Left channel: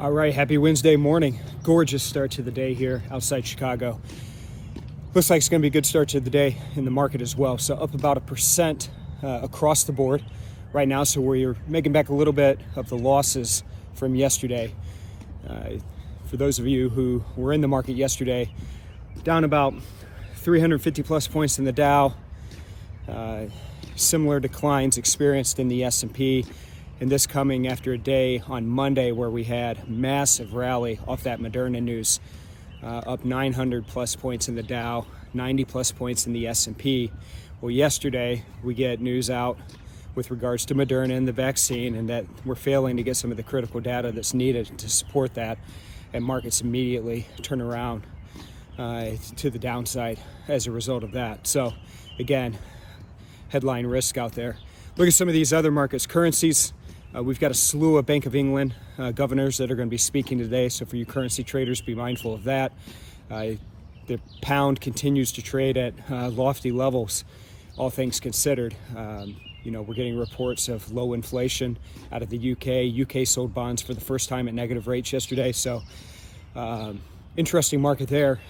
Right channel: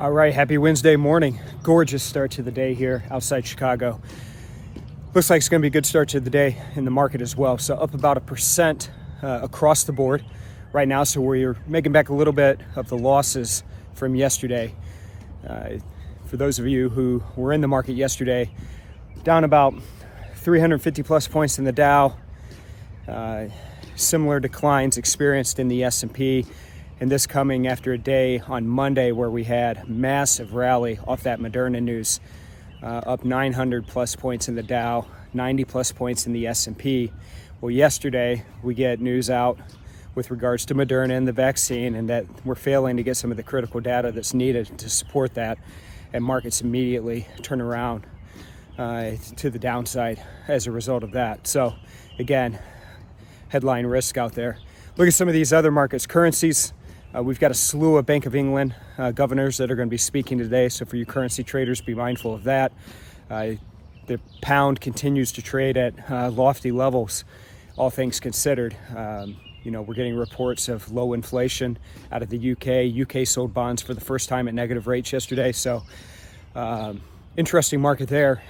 All right, happy Wednesday morning. Gorgeous start to the day here outside Chicago. Looks like it's going to be a good start to the day in the market as well. So up about 1% across the board right now. So we're making back a little bit of the losses from yesterday. For those of you who were in the market yesterday, down about 350 plus points in the Dow. Similar declines experienced in the S&P. And this coming after a day on Monday where we had massive rally off that Moderna news, up 900 plus points in the Dow, 90 plus points in the S&P. Well, yesterday we get news out with regards to Moderna and the vaccine, and that we're failing to get some of the critical data that's needed to support that, and markets immediately turn around to the downside as a result of that. So again, headline risk out there. Look at some of these other markets, currencies. We've got a slew of Bank of England governors that are going to be speaking today. So for you currency traders, be mindful of that. The pound continues to trade at lofty levels, all things considered. We're getting reports of low inflation out of the UK. UK sold bonds for the first time at negative rates yesterday. So interesting market there.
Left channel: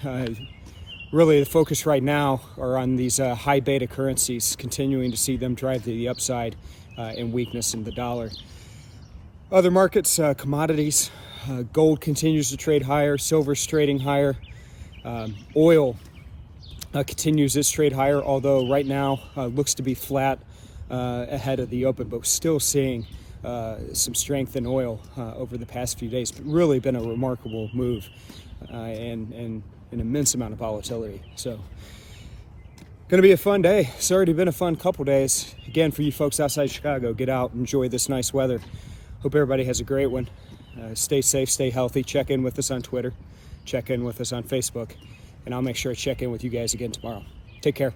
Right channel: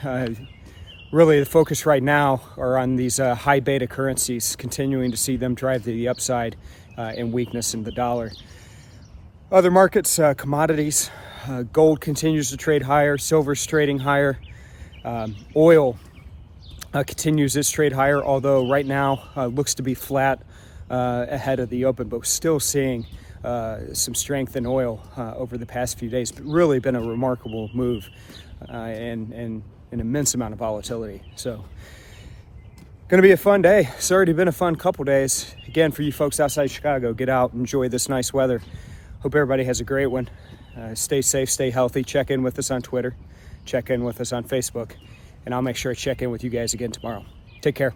Really, the focus right now are on these high beta currencies, continuing to see them drive the upside and weakness in the dollar. Other markets, commodities, gold continues to trade higher, silver's trading higher, oil continues its trade higher, although right now looks to be flat ahead of the open, but we're still seeing some strength in oil over the past few days. But really been a remarkable move and an immense amount of volatility. So going to be a fun day. It's already been a fun couple days. Again, for you folks outside Chicago, get out, enjoy this nice weather. Hope everybody has a great one. Stay safe, stay healthy. Check in with us on Twitter. Check in with us on Facebook. And I'll make sure I check in with you guys again tomorrow. Take care.